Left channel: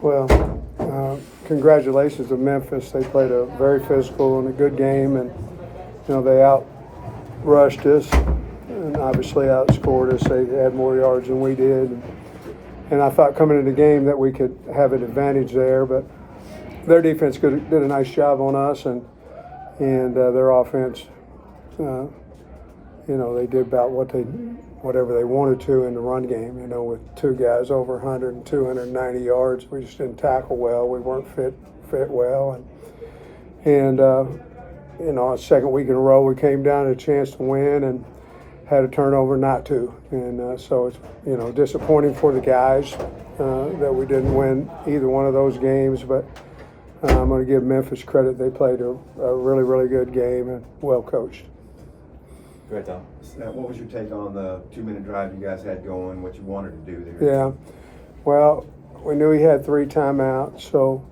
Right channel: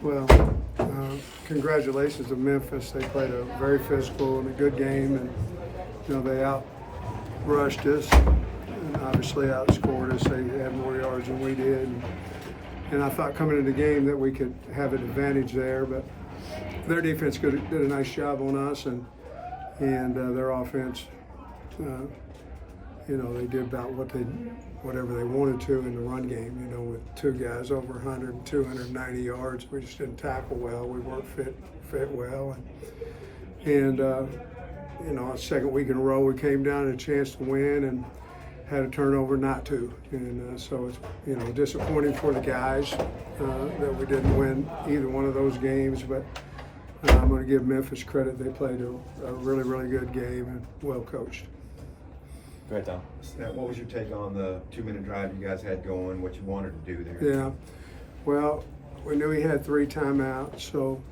Well, congratulations to Memphis. They played a very physical and a good game, and they outrushed us and obviously outscored us. They had more yards than we did, and I thought coming into the game that we could have an advantage there, but their defense did a nice job on us, and their offense, they did about whatever they wanted to in the run game, with two guys over 100 and 290 yards. We just didn't tackle well. We weren't fit well. And a second week in a row, we came down to a chance to win and had a turnover not to. And so it's, disappointing for the guys that we didn't win either one of those games. But I'm going to give Memphis credit. They played a really, really good game and well coached. Great, Tom. What was your take on the 2-minute drive you guys had going, what you wanted to do there? Yeah, well, we knew he had 3 timeouts, so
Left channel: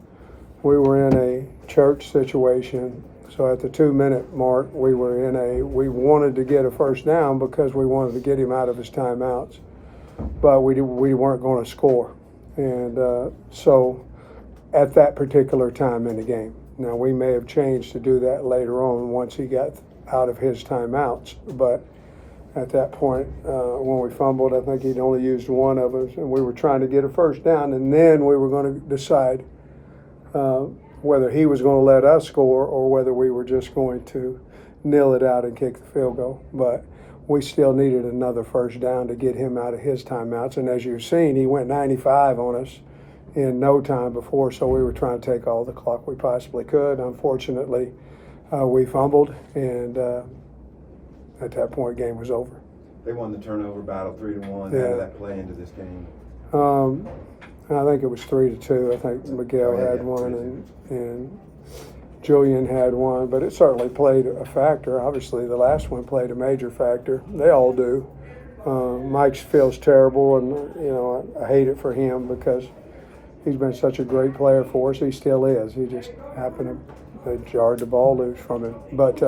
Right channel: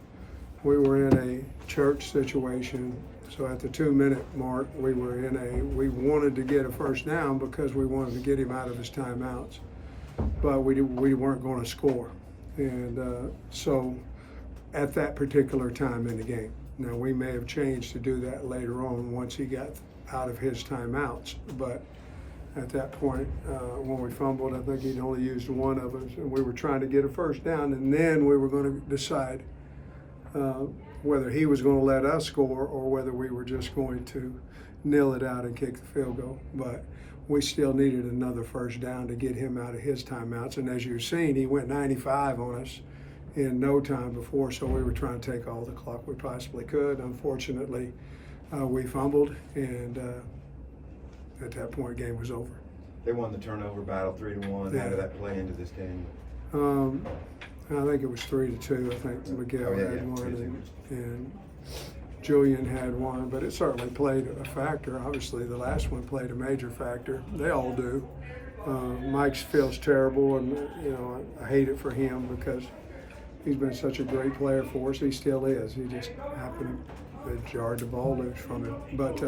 we were in a church situation. So at the 2-minute mark, we wanted to get a first down because we wanted to get him out of his timeouts, but we weren't going to score. And so at that particular time in the game. Now, we may have changed to do that later on once he got out of his timeouts, but at that point, when we fumbled, I think he'd only used one of us, and we were trying to get a first down, and then we were going to decide whether he was going to let us score or whether we were just going to nil it out and kick the field goal. But we still needed another first down to get him out of his timeouts, and as you've seen, he went 95 on us in no time before, so we were trying to take all the clock we possibly could. Unfortunately, we fumbled, and at that point, game was over. They won the turnover battle 3-1. Yeah. How did that play into this game? I think it was 3-2. I think Miguel had one, and Julian had one, but it certainly played a factor. Obviously, the last one played a major factor. They all do. Mike feels terrible, and I hate it for him because he's been such a great player for us. He still is. He just happened to jarred the ball loose from him. But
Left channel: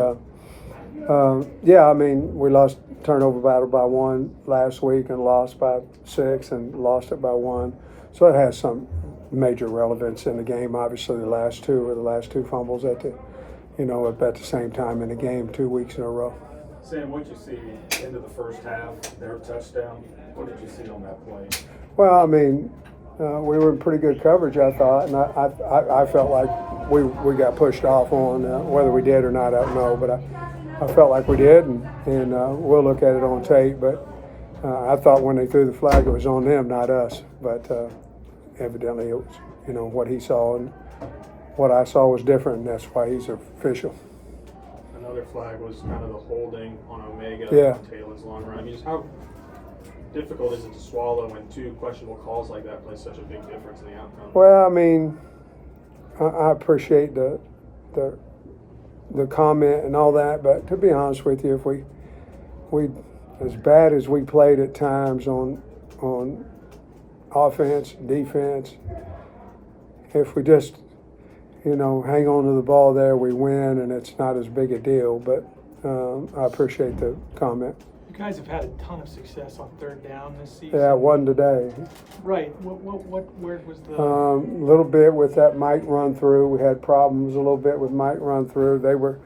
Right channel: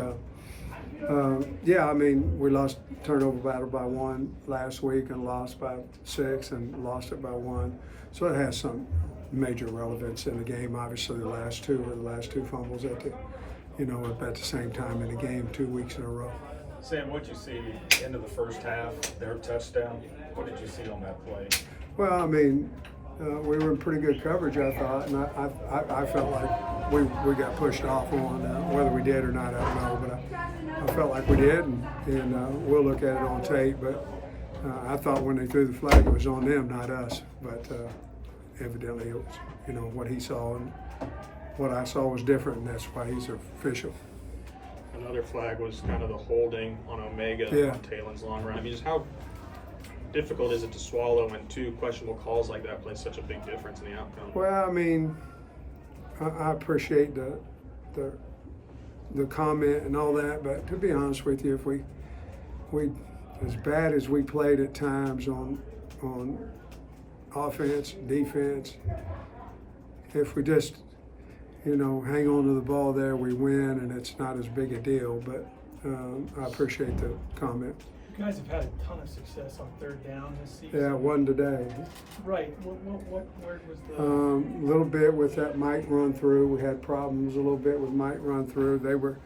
we lost turnover battle by 1 last week and lost by 6 and lost it by 1. So it has some major relevance in the game. Obviously, the last two fumbles at the same time in the game 2 weeks in a row. Sam, what did you see into the first half, their touchdown? What did you see on that play? Well, we were in pretty good coverage, I thought, and I felt like we got pushed off on whether we did or not, I don't know, but I felt like we did, and we'll look at it on tape. But I thought when they threw the flag, it was on them, not us. But evidently, it was what he saw and what I saw was different, and that's why he's official. Another flag was kind of the holding on Omega on Taylor's long run. Just how difficult is it to swallow when 2 questionable calls like that play such a big difference in the outcome? Well, I appreciate the comment and all that, but to be honest with you, if we as bad as we played at times on offense, defense, if we just hang on to the ball there, we win, and it's not as big a deal. But I appreciate the comment. You guys have had a ton of success on 3rd down this season. Yeah, one today. Right. Where was the? A little bit with that Mike run through. We had problems a little bit with Mike run through. They were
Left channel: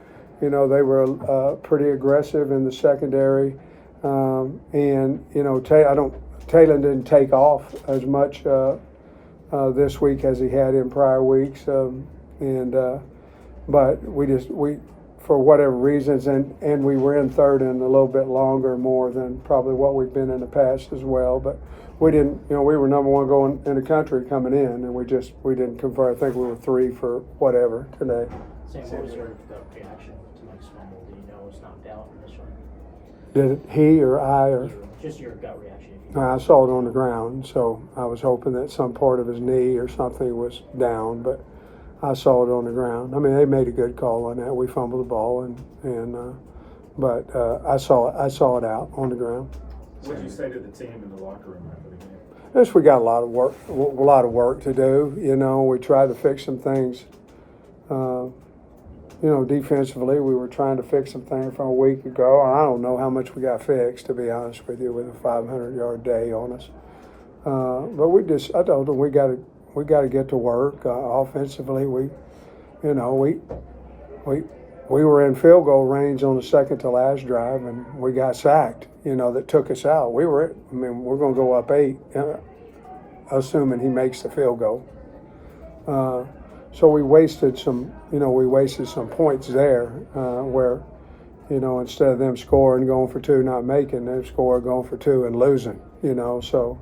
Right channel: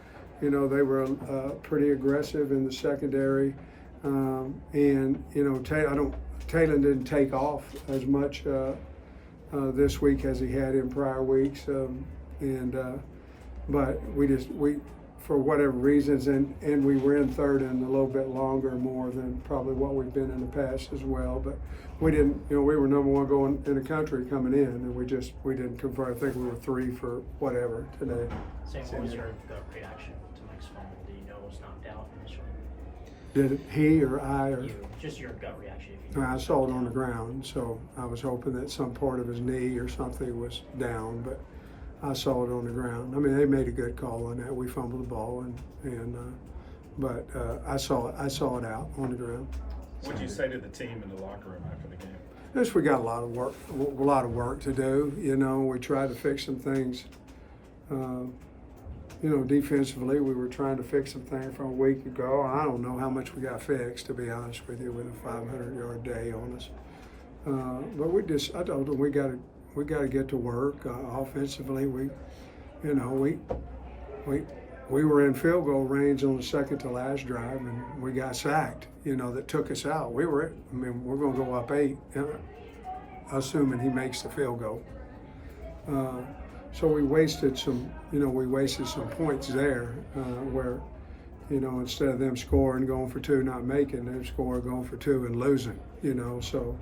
pretty aggressive in the secondary, and Taylor didn't take off as much this week as he had in prior weeks, but we for whatever reasons, and we were in 3rd and a little bit longer, more than probably what we've been in the past as well. But we didn't, we were number 1 going in the country coming in, and we didn't convert. I think we were 3 for whatever today. Sam, what was your gut reaction to Mike's fumble? Did you know it was knocked out in this run? Did he or I or? Just your gut reaction. If you I saw it on the ground, so I was hoping that some part of his knee or something was down, but I saw it on the ground. They made a good call on that. We fumbled the ball, but I saw it out on the ground. What did you say to the team in the locker room after the game? Yes, we got a lot of work to do. We tried to fix some things. Defensively, we were trying to fix some things from a week ago. I don't know how much we got fixed, to be honest with you, with a 500-yard day on us. But I told them we got to get to work offensively. We were in field goal range on the second to last drive, and we got sacked. That took us out. We're going to go up 8, assuming he makes the field goal. So we wasted some points there where, instead of them scoring, going for 2, not making, they score, going for 2 and losing, so.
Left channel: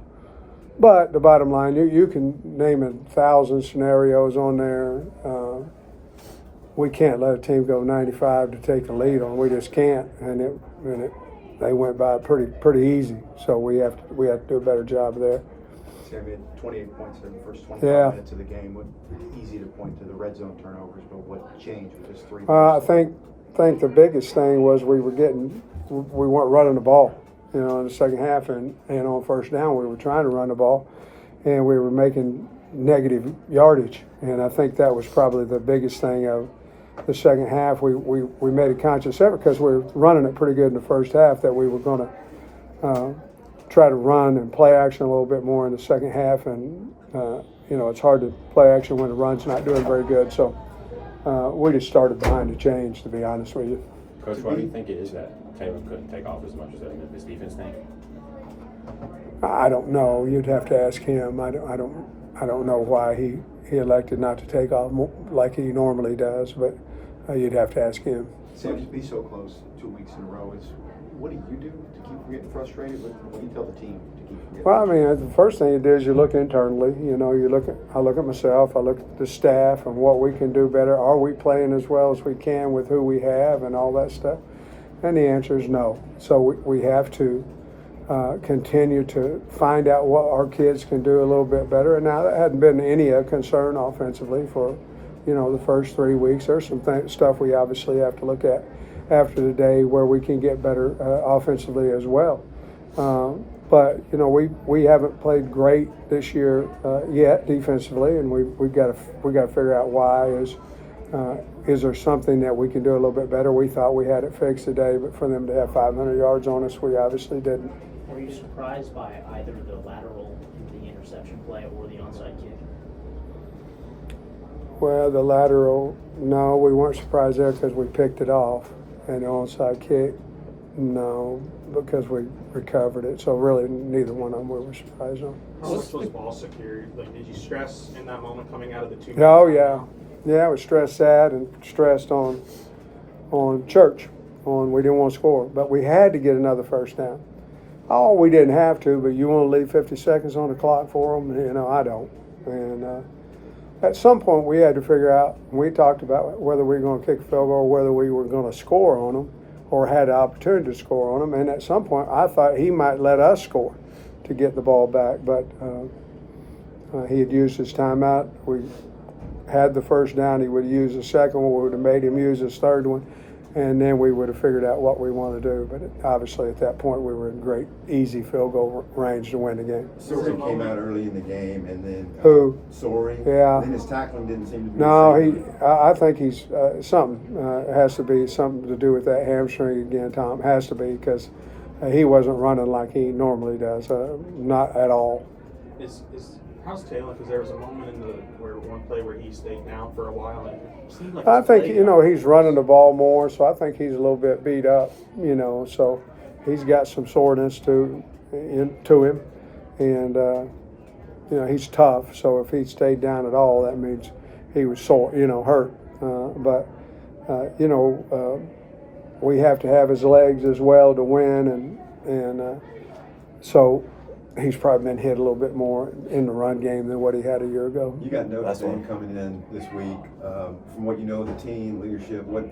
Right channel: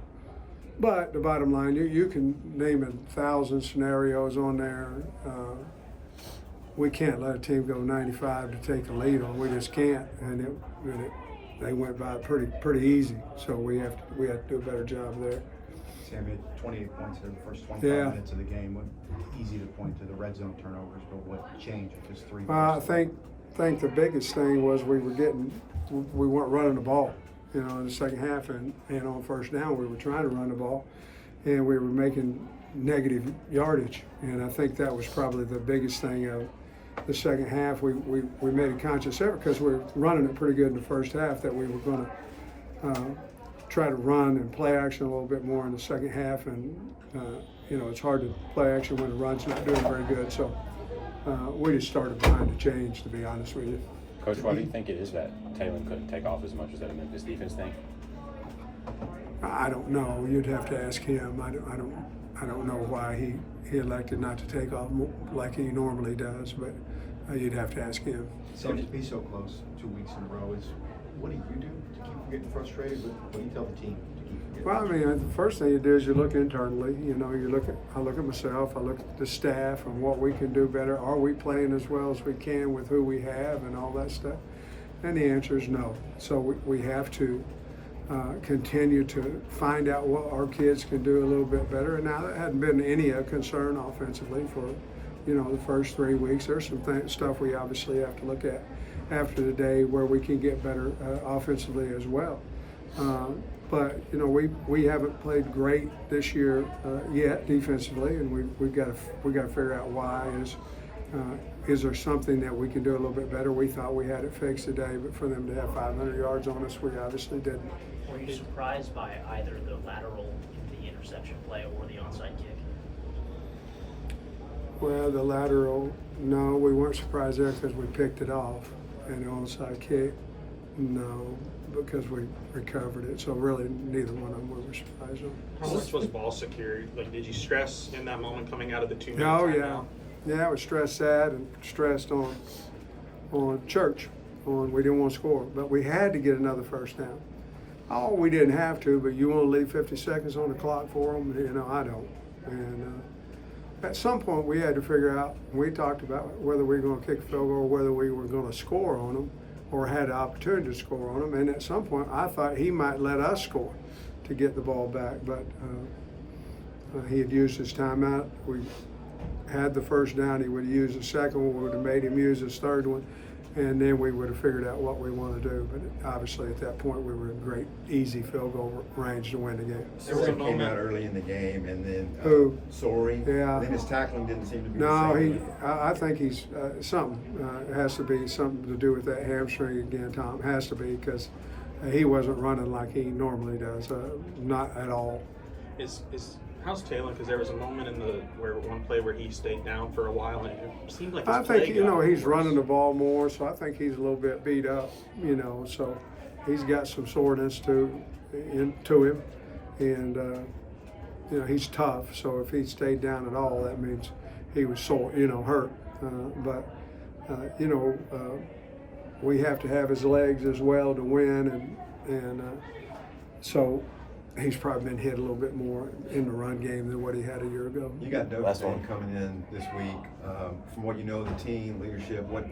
But the bottom line, you can name 1,000 scenarios on there. We can't let a team go 95 to take the lead on. We just can't, and they went by pretty easy. So we have to do a better job there. Sam had 28 points in the first 25 minutes of the game. Easy to point to the red zone turnovers, but what changed with this 3? I think the biggest thing was we weren't running the ball. In the second half, and on first down, we were trying to run the ball, and we were making negative yardage. And I think that was probably the biggest thing of the second half. We made a conscious effort because we were running it pretty good in the first half that we were going to try to run and play action a little bit more in the second half. And, it's hard to play action when the run's not doing very good. So we just started behind the change, to be honest with you. Coach, why do you think it is that Taylor couldn't take off as much as that Memphis defense thing? I don't know. You'd have to ask him. I don't know why he elected not to take off like he normally does, but you'd have to ask him. Sam, to be so close 2 weeks in a row what do you do to keep from getting frustrated? What do you tell the team to keep from getting frustrated? The first thing you do is you look internally. I look at myself. I look at the staff and what we can do better. Are we playing as well as we can with who we have and all that stuff? And the answer is no. So we have to continue to find out what our kids can do a little bit better. And now that hadn't been any concern offensively for, the first 3 weeks. There's some stuff we obviously have to look at after the day where we can get better offensively as well. But we haven't played great this year yet defensively, and we've got to figure out why. Is there something that we can do a little bit better? We thought we had it fixed today, but for them to have 500 yards on us, we obviously didn't. Were you surprised by either the lateral, the interception play, or the onside kick? Well, the lateral, no, we weren't surprised there because we picked it off, and the onside kick, no, because we recovered it. So really, neither one of them we were surprised on. How much was ball security? Like, did you stress in that moment coming out of the 2 minutes? Oh yeah. Yeah, I was stressed that and stressed on church. We didn't want to score, but we had to get another first down. Oh, we didn't have to, but you want to leave 50 seconds on the clock for them? I don't. And at some point, we had to figure out. We talked about whether we were going to kick a field goal, or whether we were going to score on them, or had the opportunity to score on them. And at some point, I thought he might let us score to get the ball back, but he had used his timeout. We had the first down, he would have used the second one, we would have made him use his third one, and then we would have figured out what we want to do. But obviously at that point we were in great, easy field goal range to win the game. Soren came out early in the game, and then Who? Soren. Yeah. And then his tackling didn't seem to be No, the same. I think he's something. It has to be something to do with that hamstring again, Tom. Has to be, because he wasn't running like he normally does, not at all. How's Taylor? Because there was a moment in one play where he stayed down for a while, and it seemed like I think he's running the ball more, so I think he's a little bit beat up. So he's got some soreness to him, and he's tough. So if he stayed down at all, that means he was sore, hurt. But we have to have his legs as well to win, and so. He's probably been hit a little bit more in the run game than what he had a year ago. You got notes on coming in this week. From what you know, the team leadership, what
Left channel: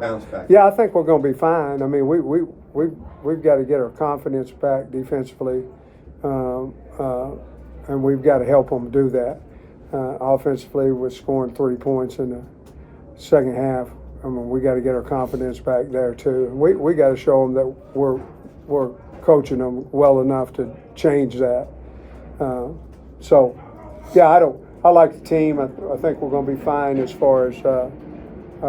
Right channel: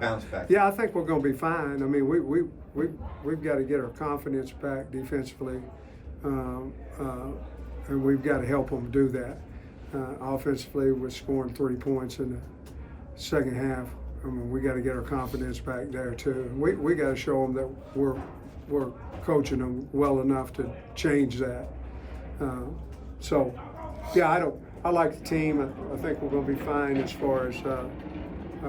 bounce back? Yeah, I think we're going to be fine. I mean, we've got to get our confidence back defensively, and we've got to help them do that. Offensively, we're scoring 3 points in the second half. I mean, we got to get our confidence back there too. We got to show them that we're coaching them well enough to change that. So, yeah, I like the team. I think we're going to be fine as far as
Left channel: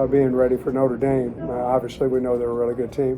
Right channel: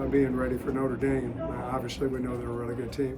being ready for Notre Dame. Obviously, we know they're a really good team.